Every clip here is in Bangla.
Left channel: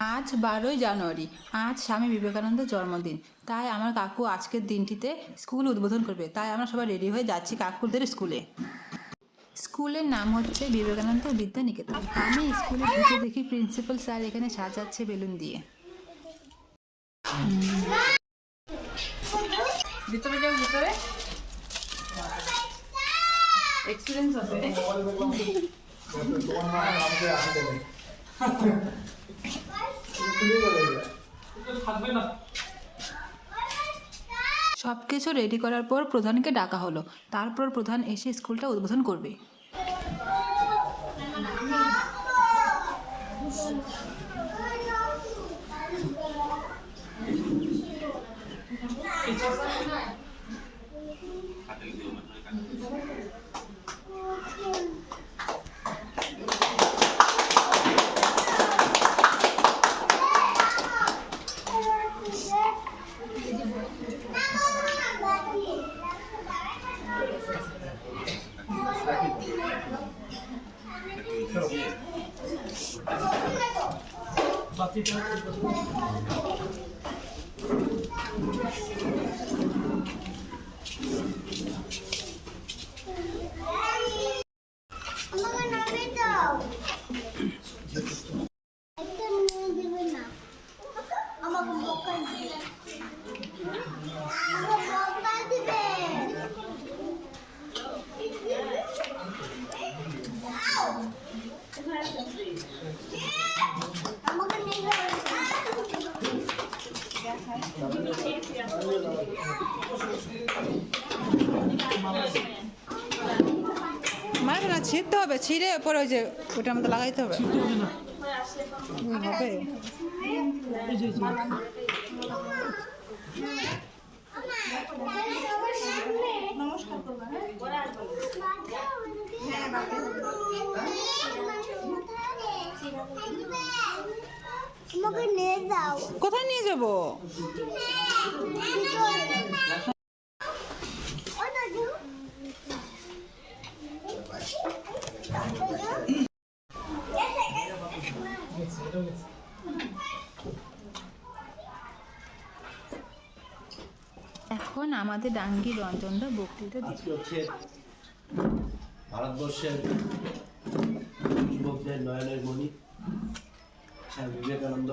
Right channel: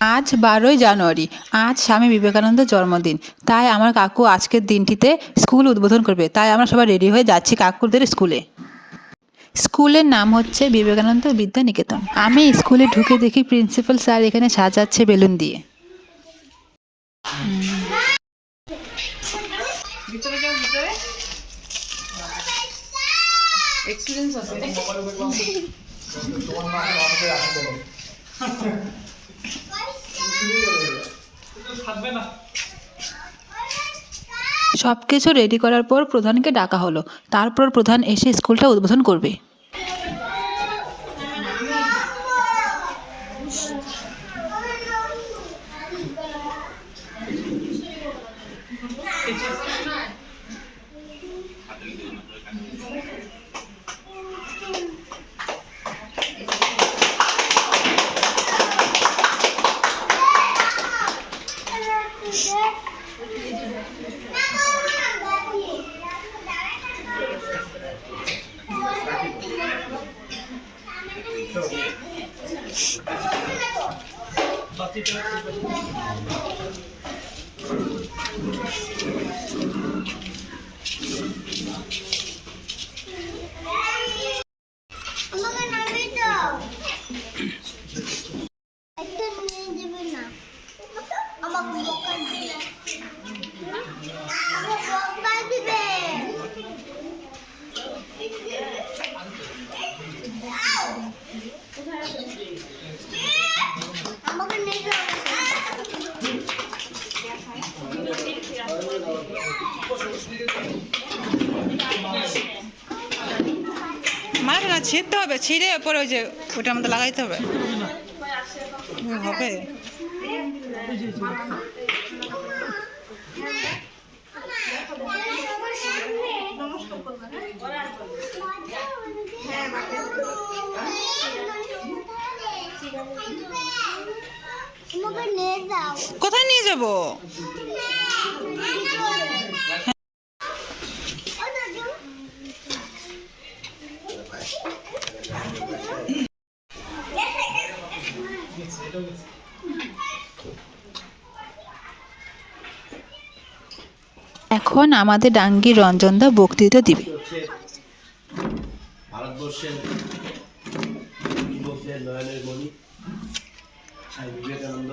আজ 12ই জানুয়ারি। আজ স্বামী বিবেকানন্দের জন্মদিন। তাই আমার কাকু আজকের দিনটিতে স্কুল উদ্বোধন করবে। তাই আমরা সবাই রেডি হয়ে যাচ্ছি কাকুদের স্কুলে। স্কুলের নাম হচ্ছে বিবেকানন্দ বিদ্যা নিকেতন। আমি স্কুলে ঢুকে দেখি প্রিন্সিপাল স্যার এখানে সাজাচ্ছে বেলুন দিয়ে। ভিতরে যাও, ভিতরে এক্সপেরিয়েন্স আছে। তোমার নাম আমাদের আসে দেবে। সবকিছু রেডি করার পর প্রধানকে ডাকা হলো। তারপর প্রধান এসে স্কুলটা উদ্বোধন করবে। মারা না ছিঁড়তে হবে, ছিঁড়ে পরে ওই যে ওটার মধ্যে লাগাইতে হবে। হবে কোথায় নিয়ে যাবো? এখন আমাদের ডাঙ্গির রঞ্জনদা বক্তৃতা দিবে। ভারতবর্ষের যুবকদের নয়নের মণি স্বামী বিবেকানন্দ।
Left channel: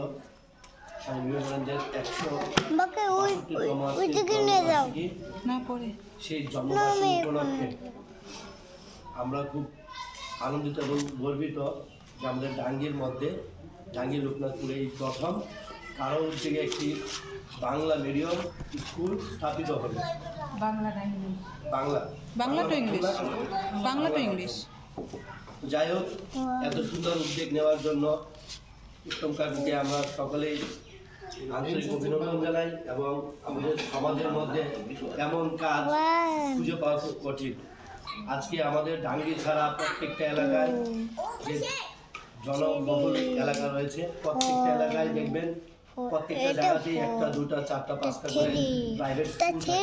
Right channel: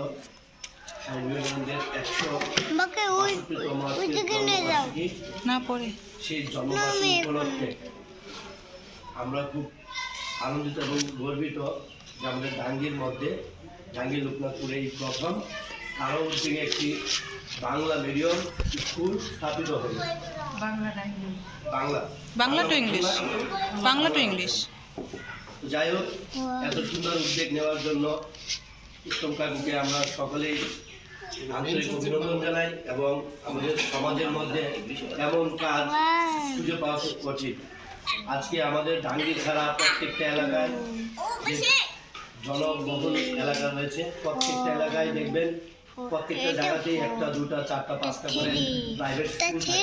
স্বামী বিবেকানন্দের 165তম সেই জন্মবার্ষিকী উপলক্ষে আমরা খুব আনন্দিত এবং গর্বিত যে আমাদের ডাঙ্গির মধ্যে ডাঙ্গি লোকনাথপুরে এই প্রথম কারো থেকে একটি বাংলা মিডিয়াম স্কুল স্থাপিত হলো। Bangla to English. যাই হোক, এত সুন্দর উদ্যোগ নেওয়ার জন্য উত্তম কাকুকে আমরা সকলেই আন্তরিক অভিনন্দন জানাই এবং আমাদের সমাজের মধ্যে এমন কাজ খুঁজে পাওয়া খুব কঠিন। আজকে আমাদের ডাঙ্গি ছাড়া প্রত্যেকটা এলাকায় যে জনবহুল এলাকা রয়েছে, প্রত্যেকটা এলাকায় দেখবেন প্রত্যেকটা জায়গাতেই একটা, দুটা, চারটা, পাঁচটা করে প্রাইভেট স্কুল থাকে।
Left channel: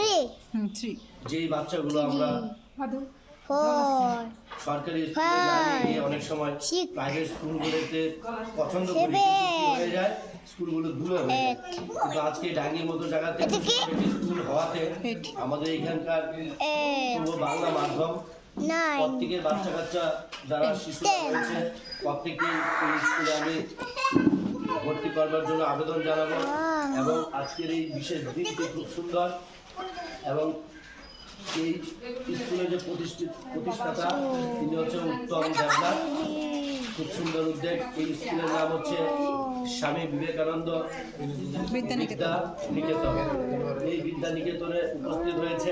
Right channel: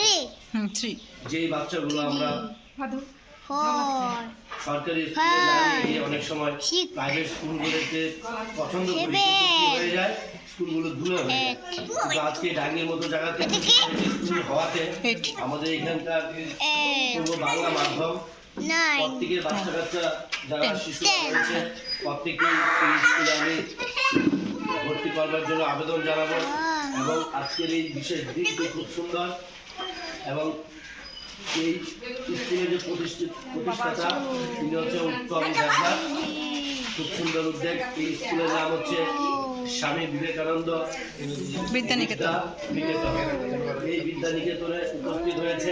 যেই বাচ্চাগুলো আমরা সরকারি স্কুলে না নিয়ে অনেক সময় প্রাইভেট স্কুলগুলোতে পছন্দ করি, হয়ে যায় স্কুলগুলো দূরে হয়ে যায়। কিন্তু আজকে ডাঙ্গির মতো জায়গাতে স্কুল হওয়াতে আমাদের এখানকার পূর্ব বাংলা মাধ্যম প্রত্যেকের বাচ্চা কাচ্চা যারা শিশু রয়েছে প্রত্যেকেই এই স্কুলে আমি ভর্তি করবার জন্য আবেদন জানাবো। এবং আজকের এই বিশেষ দিনটি খুব সুন্দর এবং এই স্কুলের যে প্রতিষ্ঠাতা তিনি হচ্ছে উত্তম দেবনাথ। খুব সুন্দর উদ্যোগ। এই স্কুলের নাম হচ্ছে স্বামী বিবেকানন্দ বিদ্যা নিকেতন। এই বিদ্যা নিকেতনে উপস্থিত হয়েছে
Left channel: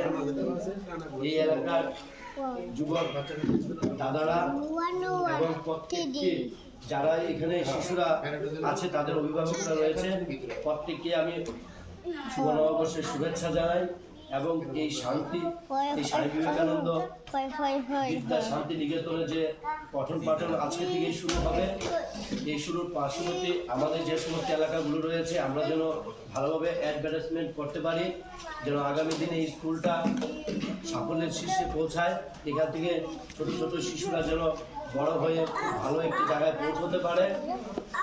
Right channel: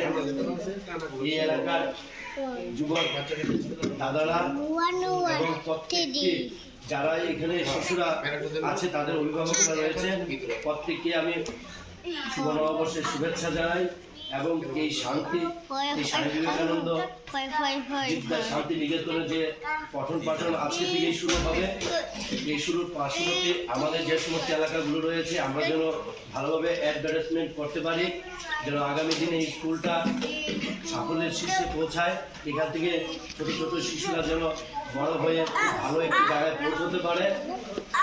এই এলাকার যুবক দাদারা এবং প্রত্যেককে যারা এখানে শিশুরা আছে তাদের অভিভাবকরা রয়েছে, প্রত্যেককে আমি শুভ নববর্ষের শুভেচ্ছা জানাই। এবং এই শান্তি, এই স্বামী বিবেকানন্দ বিদ্যা শান্তি নিকেতনের যে পঠন পাঠন আজকে থেকেই শুরু হবে, এই শুরুর পাশাপাশি আমাদের যে সমস্ত এলাকাগুলো রয়েছে আমরা যেন ভালোভাবে অ্যাডভার্টাইজমেন্ট করতে পারি, যেন আগামী দিনে এই স্কুলটা সাফল্যের শীর্ষে পৌঁছায়। এখান থেকে ছোট ছোট শিশুরা যেন বড় হয়ে ভালো একটি জায়গায় পৌঁছতে পারে।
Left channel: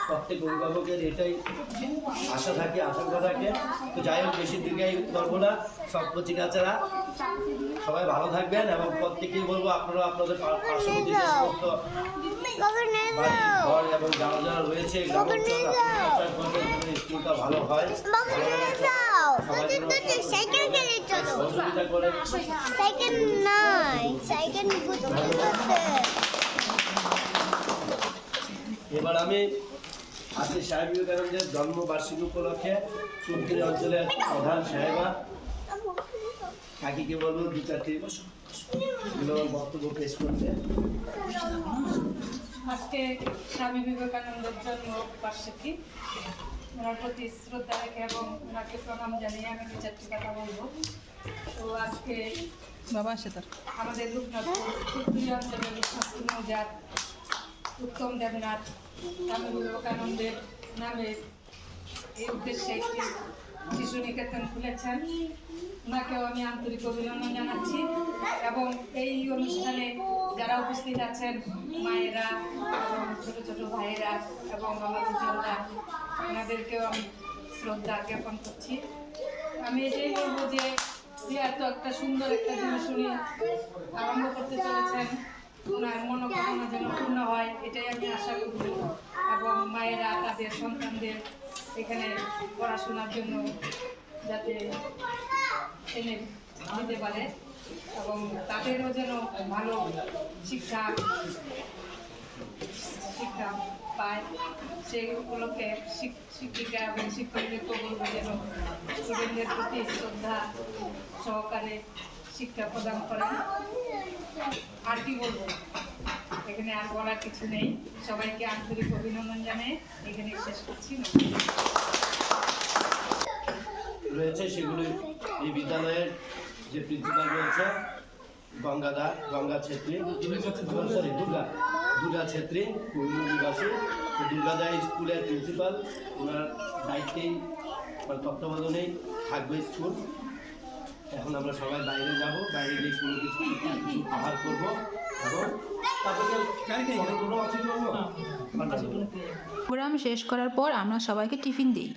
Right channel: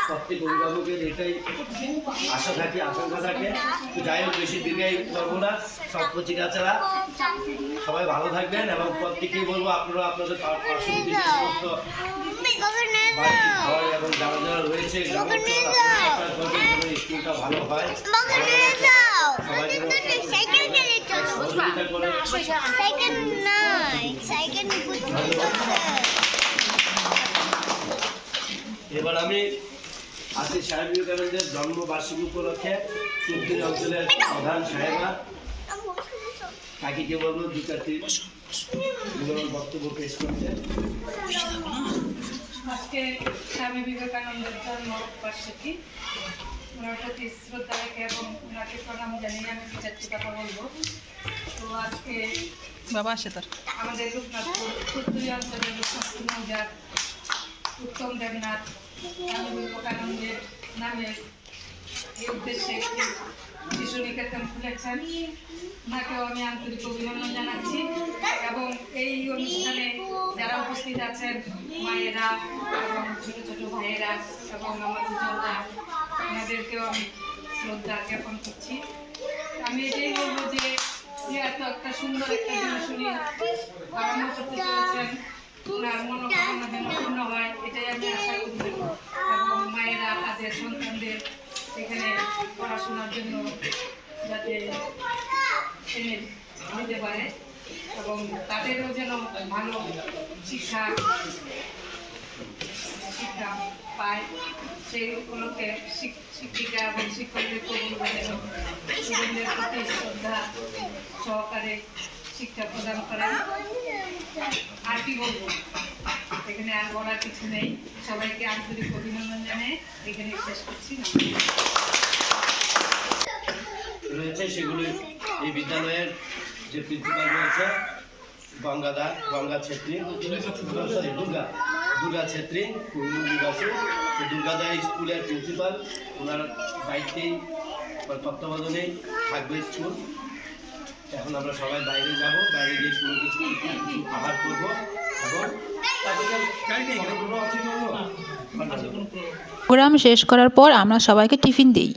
প্রত্যেক অভিভাবকের এটাই আশা থাকে, আকাঙ্ক্ষা থাকে। তো যাই হোক, বেশি দীর্ঘায়িত করবো না। সব কচিকাচারা সবাই ভালো থাকবেন এবং প্রত্যেকেই বলবো আপনারা আপনাদের পার্শ্ববর্তী যে সমস্ত বাড়ি ঘর এবং যারা যারা রয়েছে গ্রামাঞ্চল, আপনারা চেষ্টা করবেন যেন স্কুলটা ভালো হয়, সবাই যেন সহযোগিতা করে। এবার আমি আজকে স্বামী বিবেকানন্দের জন্মবার্ষিকী উপলক্ষে চুক্তি অঞ্চলের প্রধান সাহেবা কাকিকে বলবো দু চারটি মূল্যবান বক্তব্য পেশ করতে। আজকে স্বামী বিবেকানন্দের জন্মবার্ষিকী, ওনার প্রতি শ্রদ্ধা রেখে এবং ওনাকে প্রণাম জানিয়ে আমি দু চারটি কথা বলবো। তো আজকে বাবা আসে তোর আমাদের রূপনাথপুর উত্তরী অঞ্চলের রূপনাথপুর মৌজার উত্তম দেবনাথ স্বামী বিবেকানন্দের নামে এই উদ্দেশ্যে একটি শিশু নিকেতন খুলেছেন। ওনাকেও আমি আন্তরিক অভিনন্দন জানাচ্ছি এবং এই অনুষ্ঠানে যারা উপস্থিত আছেন মায়েরা এবং ছোটো ছোটো ভাইয়েরা এবং আমার দুজনরা, ওনাদেরকেও আমি শ্রদ্ধা জ্ঞাপন করছি। আমি এটাই বলবো যে এত একটা সুন্দর একটা জিনিস উনি আরম্ভ করতে চলেছেন, ওনার মনোকামনা যেন পূর্ণ হয় এটাই আমি আশা করি এবং মায়েরা তাদের সন্তানদের এখানে পড়াশোনার জন্য যাতে এনে দিতে পারে এবং তাদেরও যেন ভালো শিক্ষা পায়, সেই উপলক্ষে শিক্ষিকা এবং শিক্ষকদেরকে বলবো যেন স্টুডেন্টদের প্রতি শ্রদ্ধা সহকারে শিক্ষা প্রদান করেন। আর কি বলবো, এখানে আর বলার কিছু নেই। সবাইকে আন্তরিক অভিনন্দন জানিয়ে এখানে শেষ করছি। রয়েছে সেগুলি এই বিদ্যালয়ের যে প্রিন্সিপাল রয়েছে গঙ্গা ছেত্রী, সরি দুর্গা ছেত্রী, নিবাসী। দুর্গাদা স্কুলের প্রিন্সিপাল, ওনার দায়িত্বেই বা তত্ত্বাবধানেই থাকবে স্কুল। এখন আমরা সবাই বাইরে যাব, বাইরে গিয়ে কোনো কিছু আহার করবো এবং প্রোগ্রাম শেষ করার পর আমরা সবাইকে টিফিন দিই।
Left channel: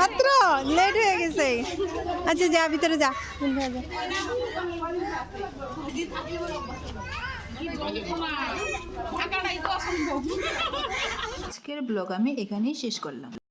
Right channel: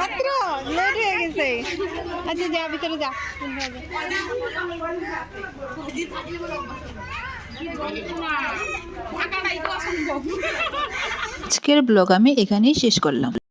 মাত্র লেট হয়ে গেছে। আচ্ছা যা ভিতরে যা। আজকের ব্লগ আমি এখানেই শেষ করলাম।